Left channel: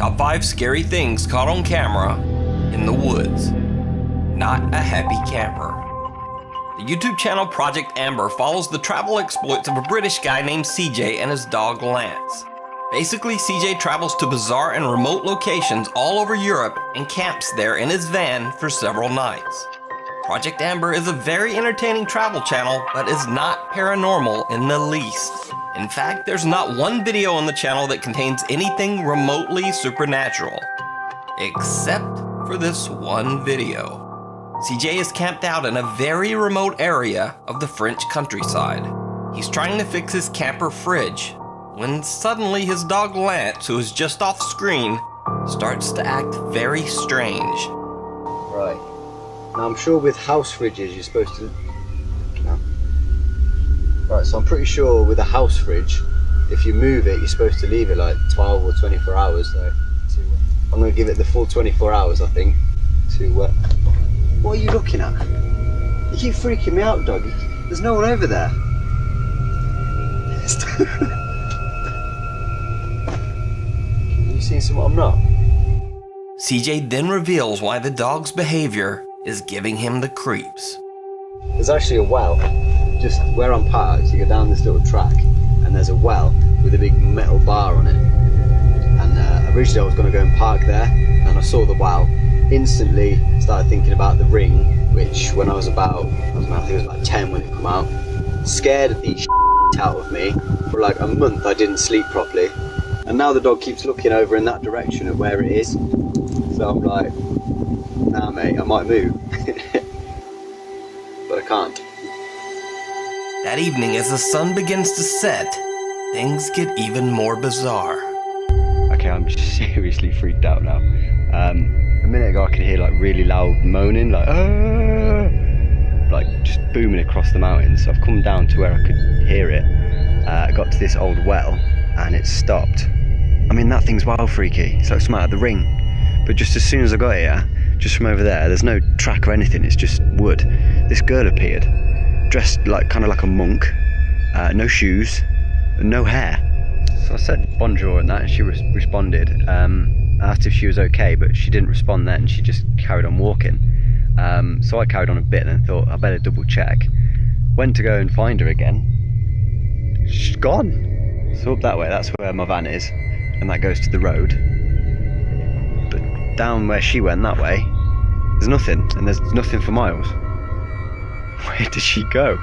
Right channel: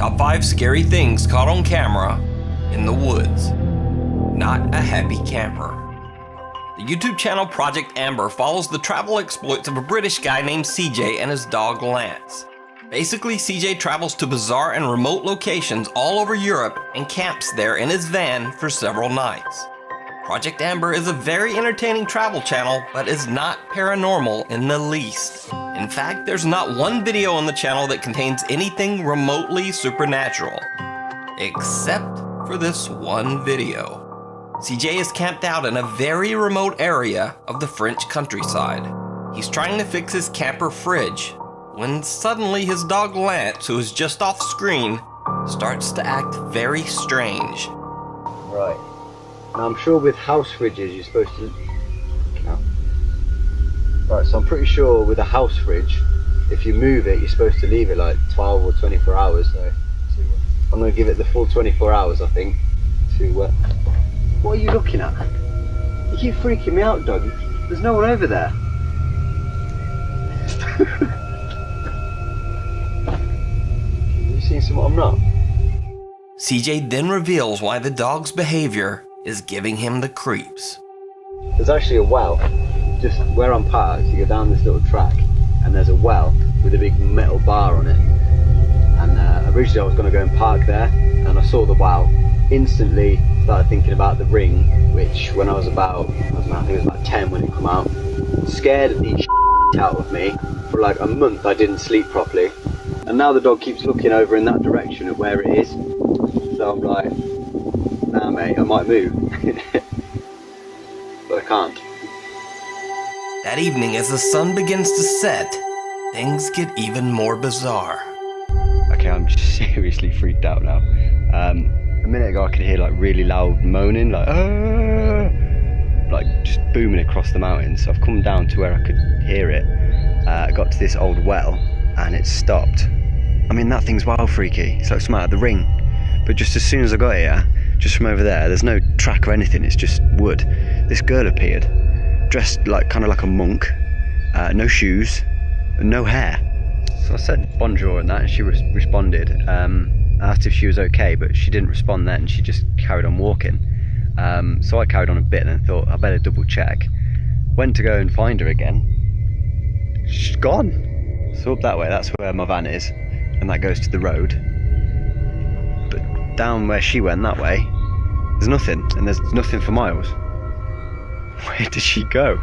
Top 5 scary things caught on camera in the woods. Not a happy camper. The YouTube channel Project Amber follows the travel exploits of a British guy named CJ and his dog Lance. Basically, CJ travels to bizarre and remote locations all over Europe and camps there in his van for several nights. Project Amber is a very entertaining travel channel, but is not paranormal in the least. In fact, there's not one video on the channel that contains anything remotely supernatural. Except for this one video. CJ is camped out in a very remote area of the French countryside. He's trying to fix his camper fridge, when suddenly his dog Lance, who is just off screen, starts to act very strange. Right. Now I'm sure with house fridges you're supposed to... Right, so I'm pretty sure with a house fridge, if you move it, you're supposed to leave it like 12 or 24 hours. So I'm going to give it the full 24 hours, I think. What are you looking at? You keep freaking me out, dog. There's no one over there. Have you seen something I'm not? CJ then reveals why the dog's behavior is giving him the creeps. There's actually a well, just where I'm parked. You go down this little track, and there's a well with a big metal bar on it. And originally I was going to go and park there, and I saw the well. Instantly started thinking about the ring, which when I was about, I think it was about 10 when it came out, scared the out of me. For like a month I didn't sleep properly, and now the dog keeps looking over in that direction at where it is. So I'm like, nah mate, I might move. But I can't. That evening, as the sun begins to set, things get even more bizarre. Okay, I'm seriously freaked out now. A minute ago I could hear like really loud moaning, like just booming across the mountains. So I've come down to where I could hear it. I got to this old well and it stopped. I mean, that thing's wild freaky. It's like something out of The Ring. But just as soon as I got here, just from over there's no track or anything, it's just wood. This girl appeared, dressed like kind of like a monk, no shoes, and no hair. So I said bonjour and that, and she responded. I asked if she was okay, but she didn't respond then. She just carried on walking. So I carried on a bit and then thought I better double check. Went to go and find her again. She's gone. So up that way, that's where my van is, and that goes to the road. But down where she went that way, there's nothing, and there's nothing for miles. Where did she go?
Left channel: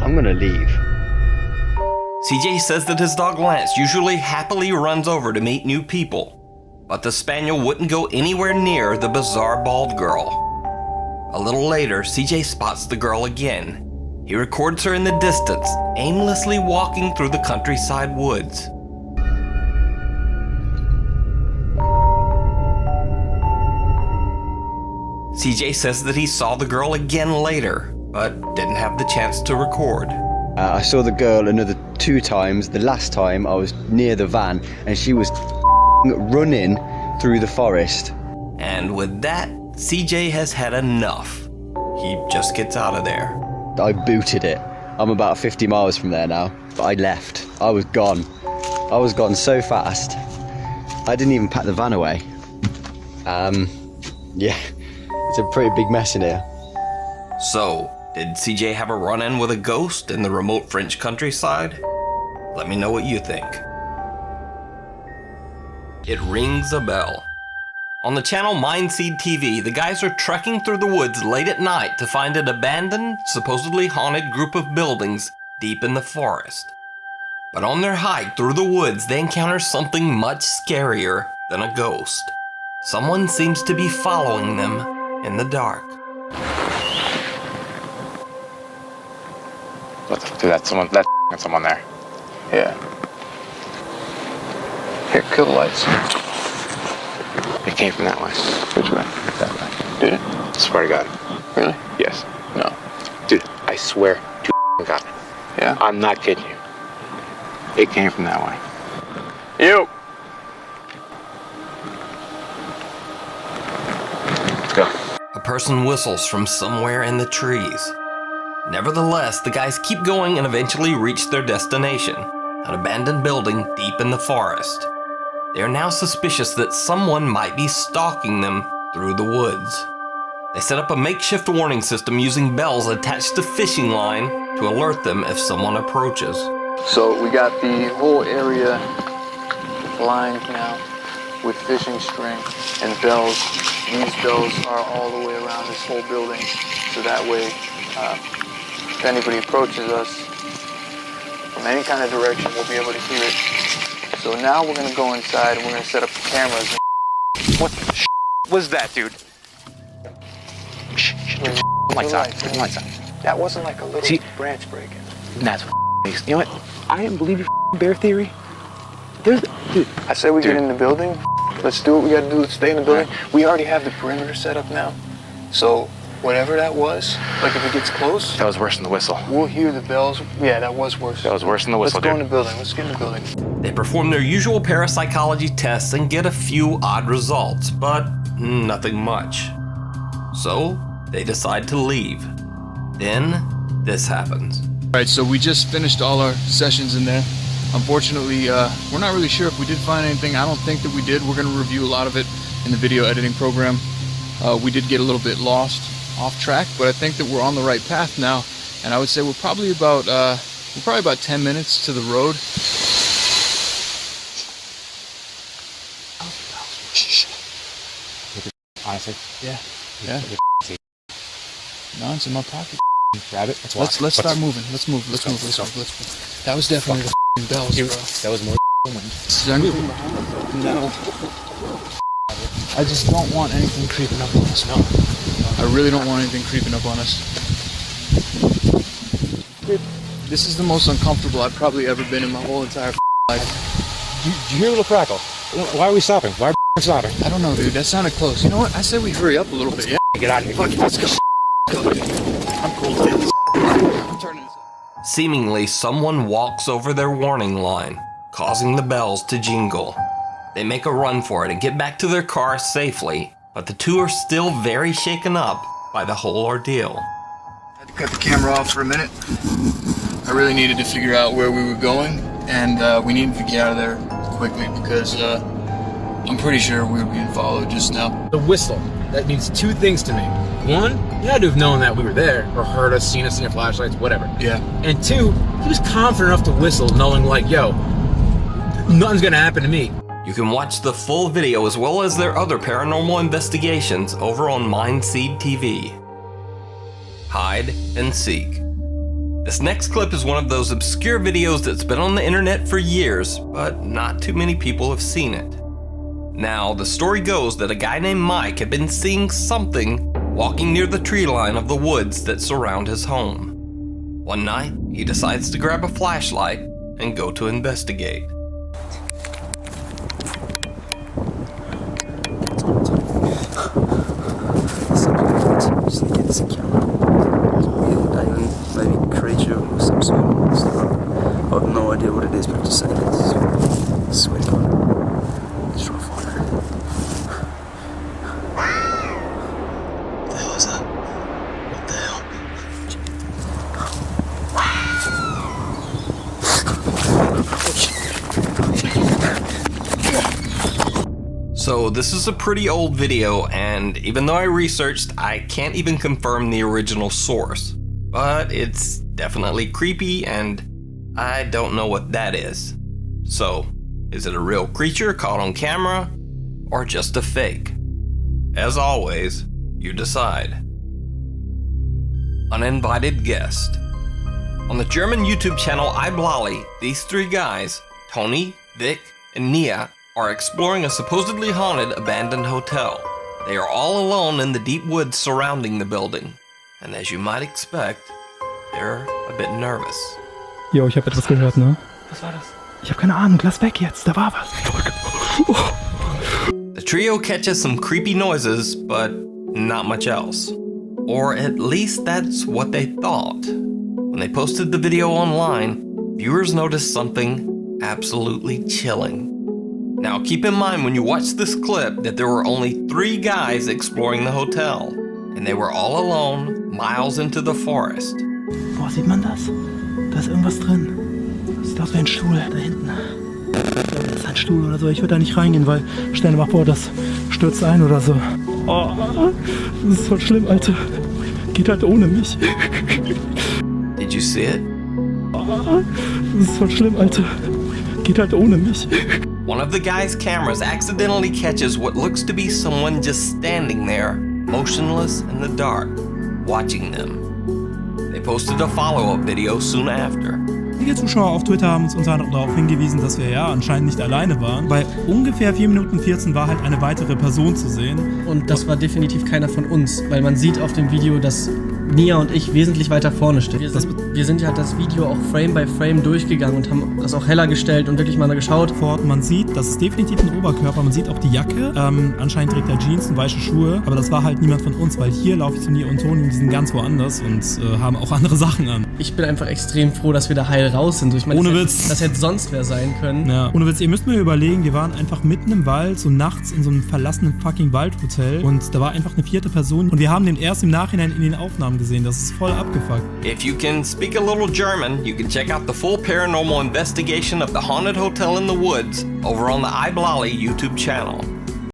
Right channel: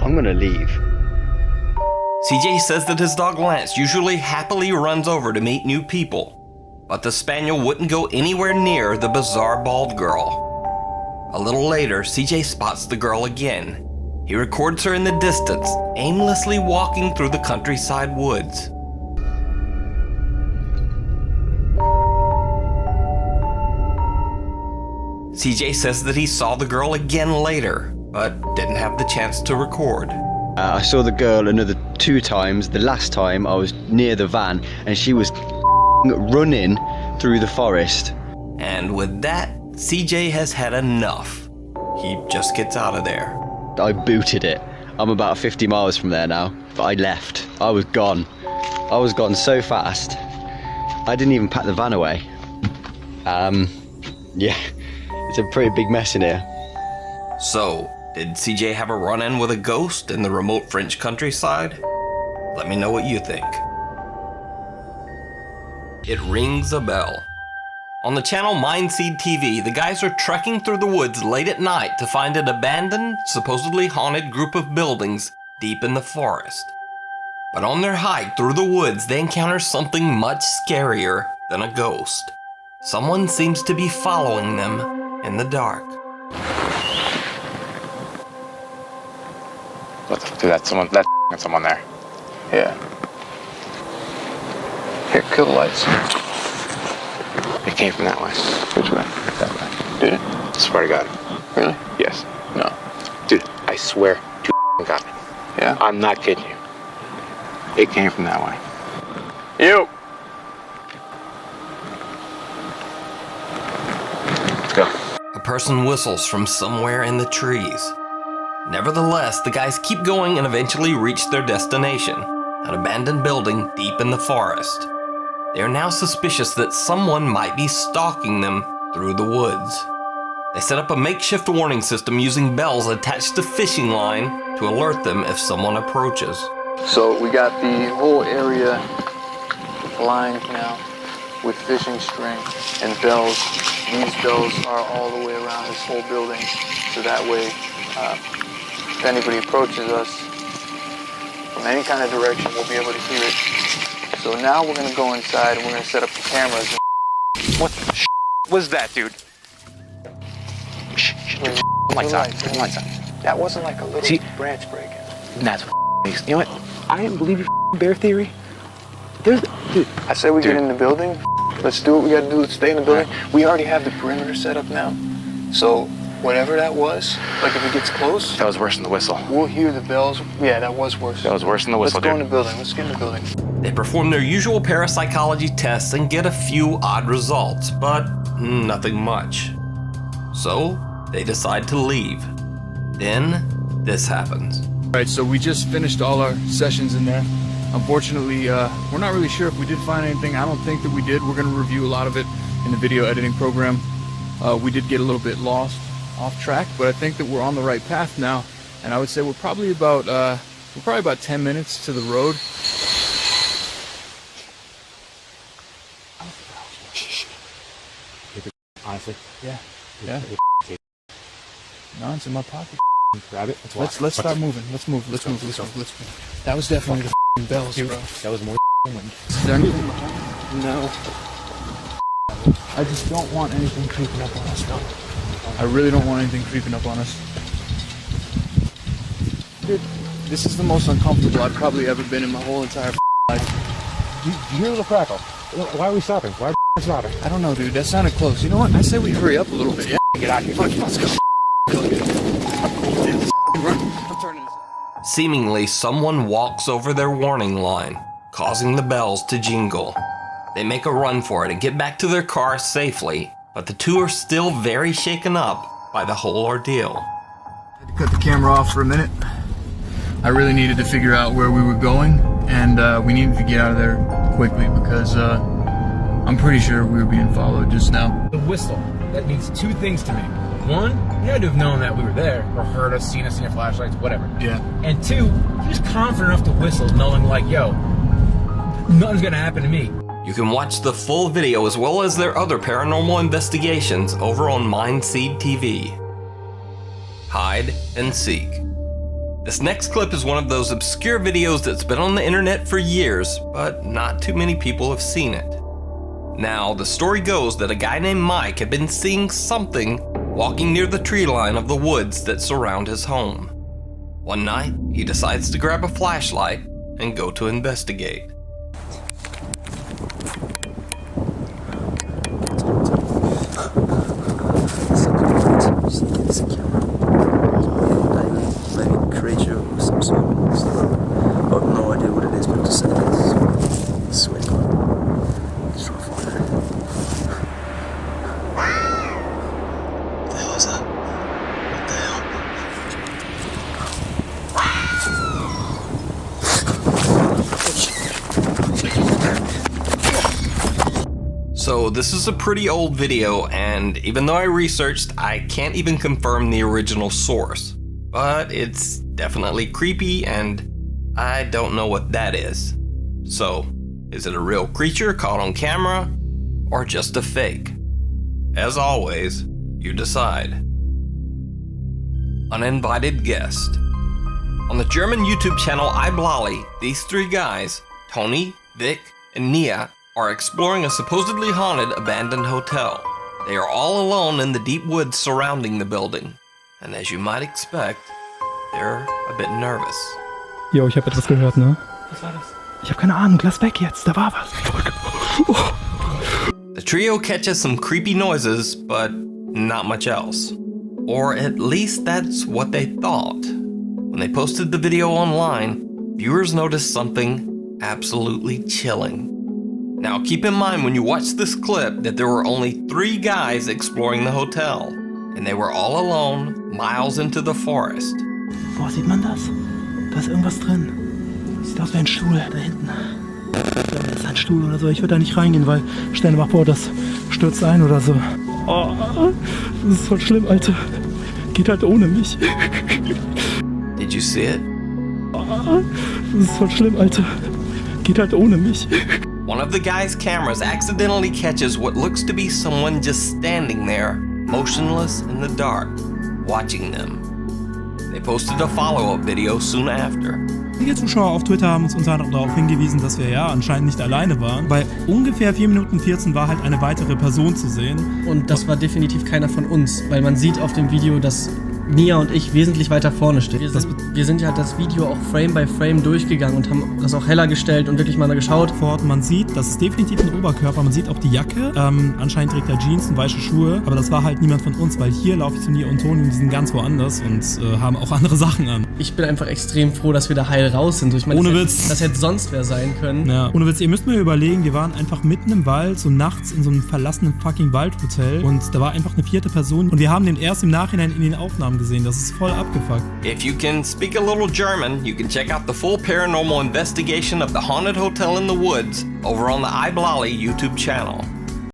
I'm gonna leave. CJ says that his dog Lance usually happily runs over to meet new people, but the spaniel wouldn't go anywhere near the bizarre bald girl. A little later, CJ spots the girl again. He records her in the distance, aimlessly walking through the countryside woods. CJ says that he saw the girl again later, but didn't have the chance to record. I saw the girl another 2 times. The last time I was near the van and she was running through the forest. And with that, CJ has had enough. He just gets out of there. I booted it. I'm about 50 miles from there now, but I left. I was gone. I was gone so fast. I didn't even pack the van away. Yeah, it's a pretty big mess in here. So, did CJ have a run-in with a ghost in the remote French countryside? Let me know what you think. It rings a bell. On the channel Mindseed TV, the guys are trekking through the woods late at night to find an abandoned, supposedly haunted group of buildings deep in the forest. But on their hike through the woods, they encounter something much scarier than a ghost. Someone seems to be following them in the dark. A person whistles from somewhere in the trees. Nevertheless, the guys keep going and eventually reach their destination, an abandoned building deep in the forest. They are now suspicious that someone might be stalking them through the woods. They set up a makeshift warning system using bells attached to fishing line to alert them if someone approaches. They perform their usual parapsychology tests and get a few odd results, but nothing much. So they decide to leave. Then this happens. Alright, so we just finished all our sessions in there. Unfortunately, we're not really sure if we did find anything. I don't think that we did. We're going to review a lot of it in the video editing program. We did get a little bit lost off track, but I think that we're on the right path now. And I would say we're probably about 10 minutes to the road. Honestly, Yeah. No, it's in my pocket. grab it. Let's start moving. Let's move. That was definitely the bells, bro. That was more wind. Is there anything behind it? No. I just don't want anything creeping up on us, bro. I really don't want anything creeping up on us. Dude, this is the most uncomfortable I've probably ever been in my whole entire life. Do you hear the crackle? Why are we stopping? Why are we stopping? I don't know, dude. That sounded close. You know what? I say we hurry up a little bit. Yeah. Get out of here. Fuck it, let's go. I'm turning this off. Seemingly, someone walks over their warning line, causing the bells to jingle. They make a run for it and get back to their car safely, but the two are still very shaken up by the whole ordeal. I had to cut the camera off for a minute. I really needed to figure out where we were going, and we needed to get out of there quickly because I'm pretty sure we were being followed just now. The whistle. That means two things to me. One, you had to have known that we were there, or heard us, seen our flashlights, whatever. Yeah. And two, he was confident enough to whistle, knowing like, yo, nothing's gonna happen to me. You can watch the full video as well as their other paranormal investigations over on Mindseed TV. Hide and seek. This next clip is one of those obscure videos that's been on the internet for years, but not too many people have seen it. Now, the story goes that a guy named Mike had been seeing something walking near the tree line of the woods that surround his home. One night, he decides to grab a flashlight and go to investigate. Sneak in some camera. Maybe creature or some sort of monster. I have no idea what it is, but just saying it's I swear to God. Let's try to find it. What the hell is that? What the hell? So this is a pretty old video, and even though I researched, I can't even confirm the original source. But it's definitely creepy, and I don't know what that is. So, is it a real creature caught on camera, or just a fake? As always, you decide. Uninvited guest. On the German YouTube channel iBlali, these three guys, Tony, Vic, and Nia, are exploring a supposedly haunted abandoned hotel. They are all alone in the deep woods surrounding the building. And as you might expect, they're a bit nervous. Jo, ich habe etwas gehört, ne? Was war das? Ich habe keine Ahnung, lass weg jetzt, da war was. The trio catches some creepy noises, but not much else. Or at least that's what they thought. When they posted the video online, viewers noticed something absolutely chilling. Now keep in mind when you watch this clip that there were only 3 guys exploring the hotel, and they were all alone, miles into the forest. Boah, sieht man das? Da ist irgendwas drin. Sieht aus wie ein Stuhl da hinten. Ich glaube, das ist ein Stuhl oder so. Ich würde da nicht reingehen, weil stell dir mal vor, das stürzt ein oder so. Oh, das ist voll schlimm, Alter. Geht halt ohne mich. Did you see it? Das ist voll schlimm, Alter. Geht halt ohne mich. One of the guy's cameras accidentally catches what looks to be someone just standing there, motionless in the dark, watching them. They posted a follow-up video soon after. Einige Zuschauer auf Twitter haben uns unter anderem darauf hingewiesen, dass wir ja anscheinend nicht alleine waren. Bei ungefähr 4 Minuten 14 war halt eine weitere Person zu sehen. Und das war definitiv keiner von uns, weil man sieht auf dem Video, dass Nia und ich wesentlich weiter vorne stehen. Wir sind ja das Video auch Frame by Frame durchgegangen und haben das auch heller gestellt und wirklich mal geschaut. Man sieht, das ist definitiv ein Oberkörper, man sieht auch die Jacke. Anscheinend trägt er Jeans und weiße Schuhe, aber das war halt niemand von uns, weil hier laufe ich zu Nia und Toni und die sind ganz woanders und haben auch andere Sachen an. Ich bin einfach extrem froh, dass wir da heil raus sind. Ich meine, ohne Witz. Das hätte sonst wer sein können. Ja, ohne Witz, ihr müsst mir überlegen, wir waren einfach mitten im Wald, so nachts in so einem verlassenen fucking Waldhotel und da war einfach eine 4. Person und wir haben den erst im Nachhinein in den Aufnahmen gesehen. Das ist voll abgefuckt. If you can speak a little German, you can check out the full paranormal investigation of the haunted hotel in the woods over on the iBlali YouTube channel.